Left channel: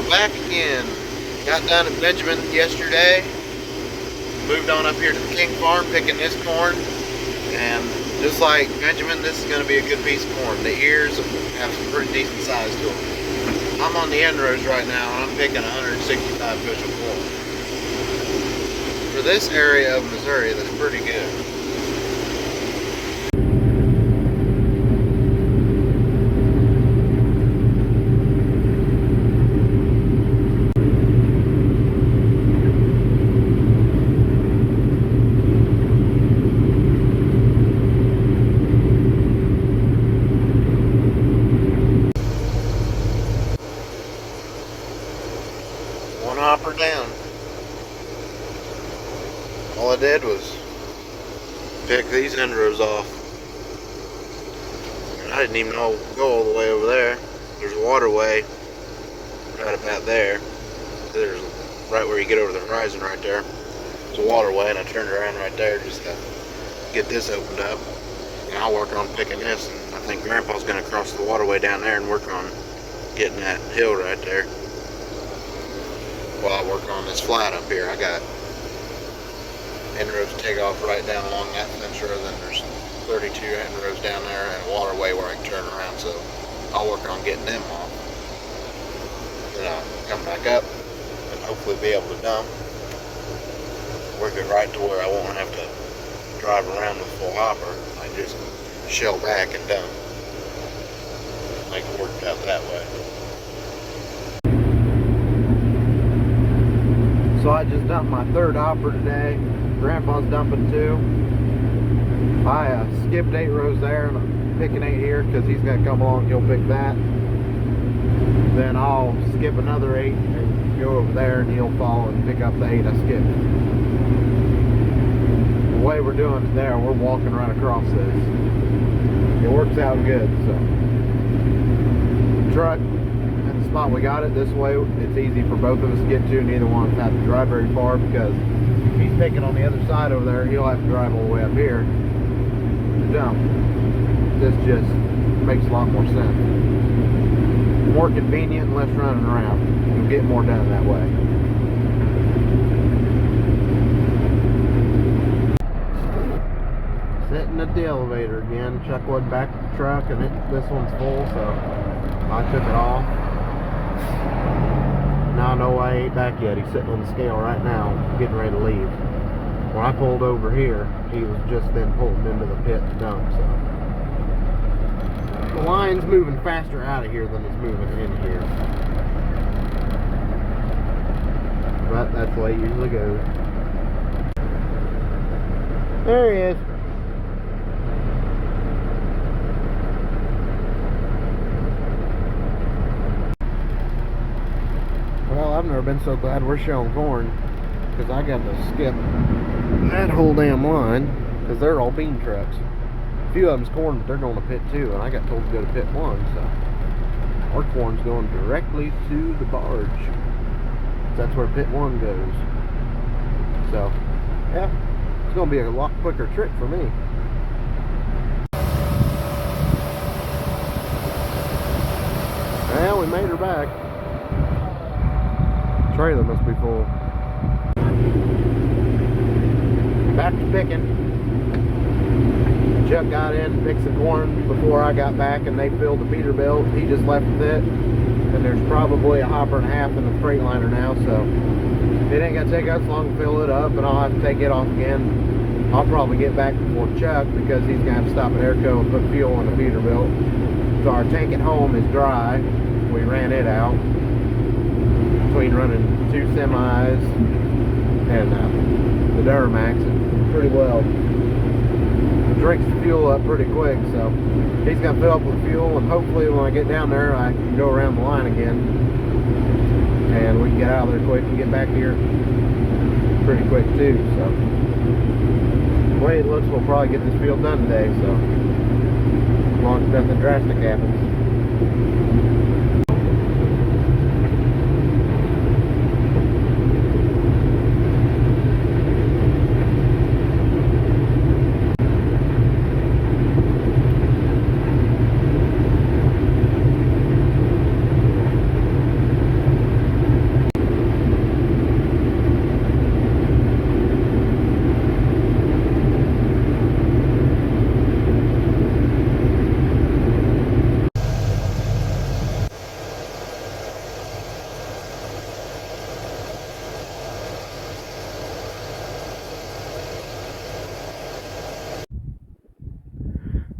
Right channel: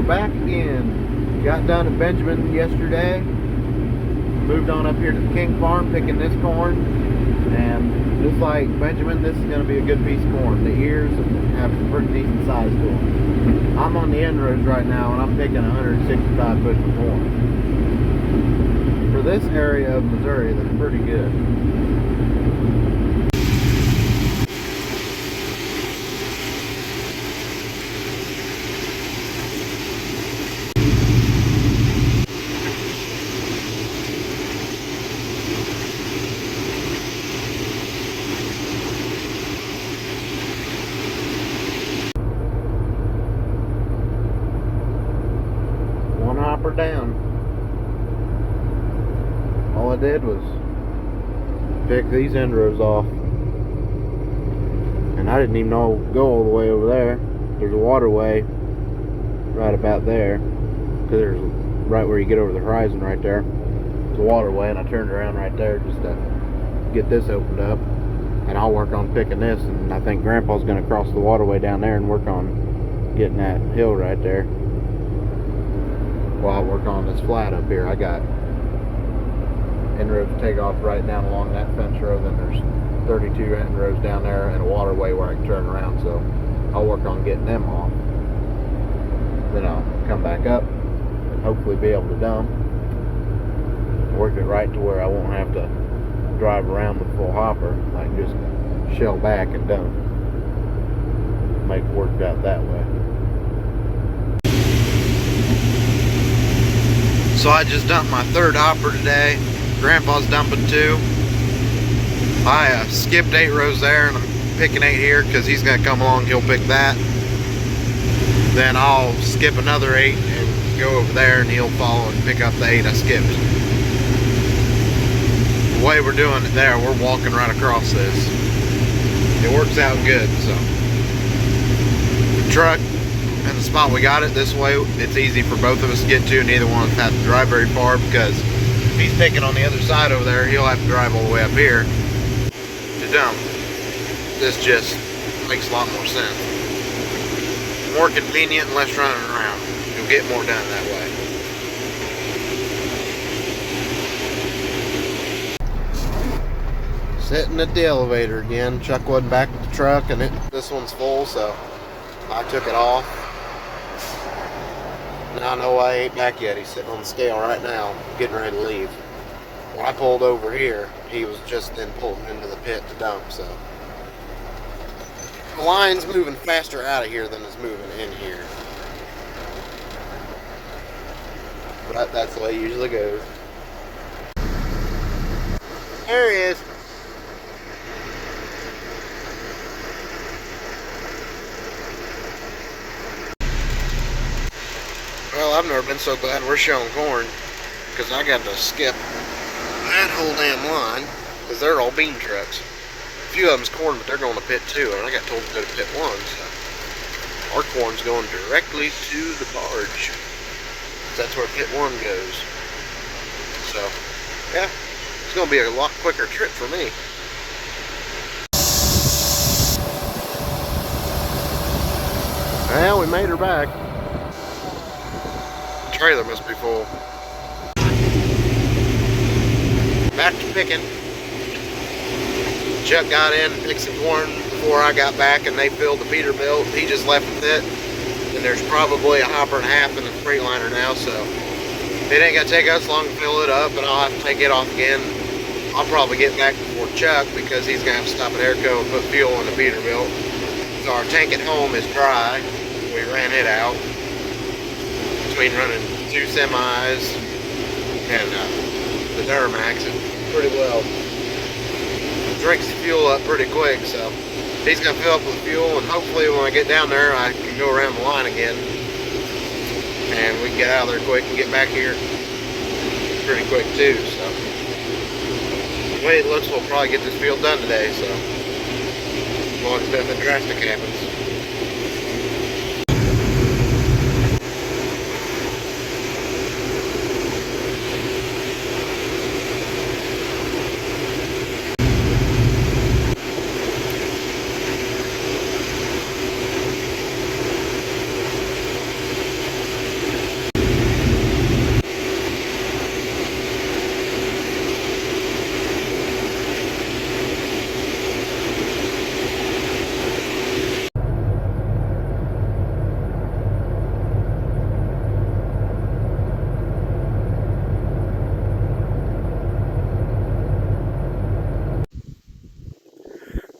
we're back again. Got done at Benjamin yesterday. Moved on up here to the King Farm picking this corn. And just like Benjamin, this is going to be a good piece of corn. The ears have some pretty decent size to them. I'm on the end rows right now and I'm picking 165 bushel corn. For this area of Missouri, that's pretty good. Hopper down. All I did was pick these end rows off, and I didn't even know go all the way over there. There's a waterway right about there. There's right where you get over the horizon right there. There's a waterway, and I turned around right there just to get this opened up, and I'll work on picking this. And I think Grandpa's gonna cross the waterway down there and work on getting that hill right there. While I work on this flat up here. I got end rows to take off right down along that fence row. Then there's 32 end rows down there and a waterway where I can turn around. So I'll work on getting them off. Then I'll come back up and hopefully be able to dump. Work it right to where I won't have to drive around with full hopper. I can just shell back and dump. Make it work out that way. So I just dumped my third hopper today. Grandpa's dumping 2. I skipped 8 rows there and I'm picking 8 here because he's going to come along, he'll pick that. Then I'll skip another 8 and go over there and he'll follow and pick up the 8 I skipped. The way we're doing it there, we're walking right across this. It works out good, so. The truck and the spot we got it this way, it's easy for both of us to get to. Neither one of us have to drive very far, because if he's picking on the other side over there, he'll have to drive all the way up here to dump. This just makes a lot more sense. More convenient and less running around. You'll get more done that way. Sitting at the elevator again. Chuck wasn't back at the truck, and this one's full, so I took it off. Now I know why he ain't back yet. He's sitting on the scale right now, getting ready to leave. When I pulled over here, he was just then pulled into the pit to dump, so. The line's moving faster out of here than it's moving in here. But that's the way it usually goes. There he is. Well, I've never been so glad we're showing corn, because I got to skip that whole damn line, because they're all bean trucks. A few of them's corn, but they're going to pit 2, and I got told to go to pit 1, so our corn's going directly to the barge. That's where pit 1 goes. So, yeah, it's going to be a lot quicker trip for me. Well, we made her back. Trailer must be full. Back to picking. Chuck got in and picked some corn before I got back, and they filled the Peterbilt. He just left with it. And there's probably a hopper and a half in the Freightliner now, so it ain't gonna take us long to fill it up, and I'll have to take it off again. I'll probably get back before Chuck, because he's gonna have to stop at Airco and put fuel in the Peterbilt. So our tank at home is dry. We ran it out between running 2 semis and the Duramax. It pretty well drinks the fuel up pretty quick, so he's gonna fill up with fuel, and hopefully when I get down there I can go around the line again and we can get out of there quick and get back here pretty quick too. So the way it looks, we'll probably get this field done today, so as long as nothing drastic happens.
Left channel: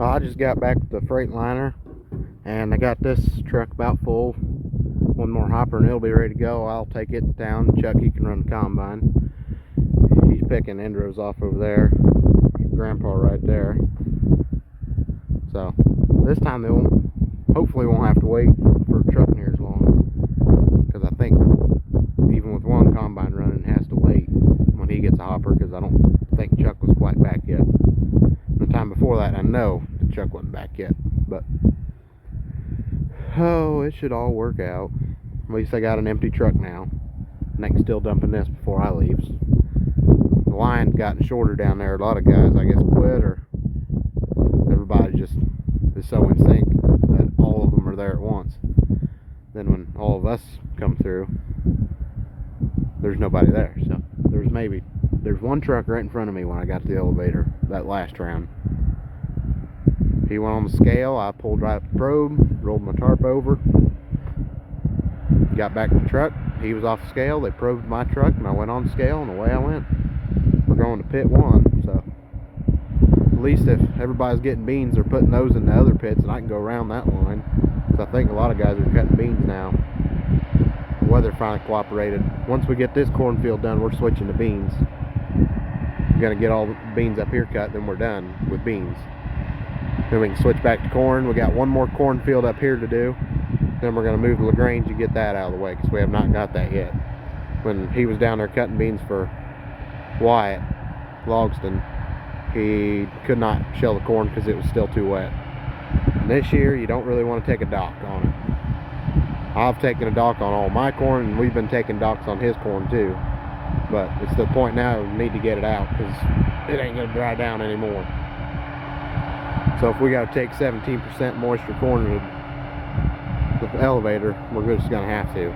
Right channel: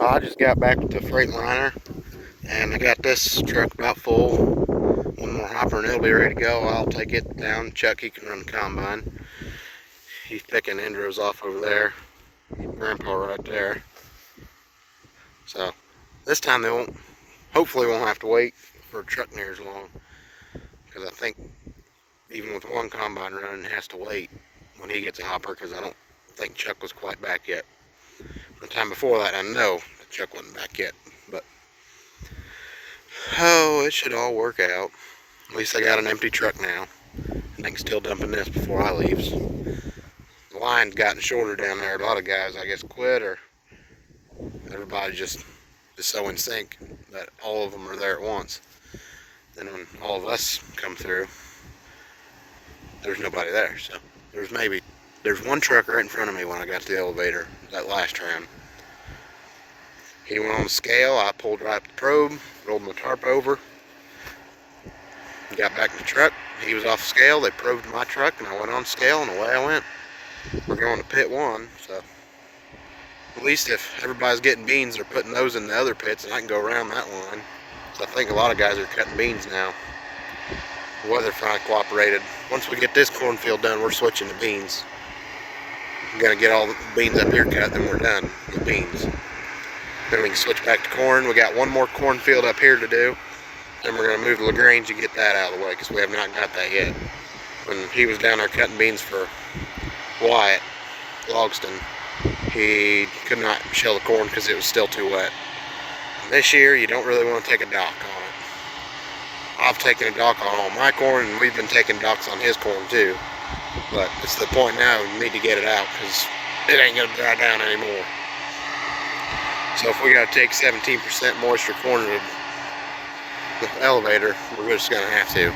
I just got back with the Freightliner, and I got this truck about full. One more hopper and it'll be ready to go. I'll take it down. Chuck, he can run the combine. He's picking Endros off over there. Grandpa right there. So this time they hopefully won't have to wait for a truck near as long, because I think even with one combine running, it has to wait when he gets a hopper, because I don't think Chuck was quite back yet. The time before that, I know that Chuck wasn't back yet, but oh, it should all work out. At least I got an empty truck now, and I can still dump in this before I leave. The line's gotten shorter down there. A lot of guys, I guess, quit, or everybody just is so in sync that all of them are there at once. Then when all of us come through, there's nobody there. So there's one truck right in front of me when I got to the elevator that last round. He went on the scale. I pulled right up the probe, rolled my tarp over, got back in the truck. He was off the scale. They probed my truck, and I went on the scale, and away I went. We're going to pit 1, so at least if everybody's getting beans, they're putting those in the other pits, and I can go around that line. So I think a lot of guys are cutting beans now. The weather finally cooperated. Once we get this cornfield done, we're switching to beans. I'm gonna get all the beans up here cut, then we're done with beans. Then we can switch back to corn. We got one more cornfield up here to do. Then we're gonna move to LaGrange and get that out of the way, because we have not got that yet. When he was down there cutting beans for Wyatt Logston, he could not shell the corn because it was still too wet. And this year, you don't really want to take a dock on it. I've taken a dock on all my corn, and we've been taking docks on his corn too. But it's the point now we need to get it out, because it ain't gonna dry down anymore. So if we gotta take 17% moisture corn to the elevator, we're just gonna have to.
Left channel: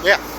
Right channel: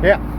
Yeah.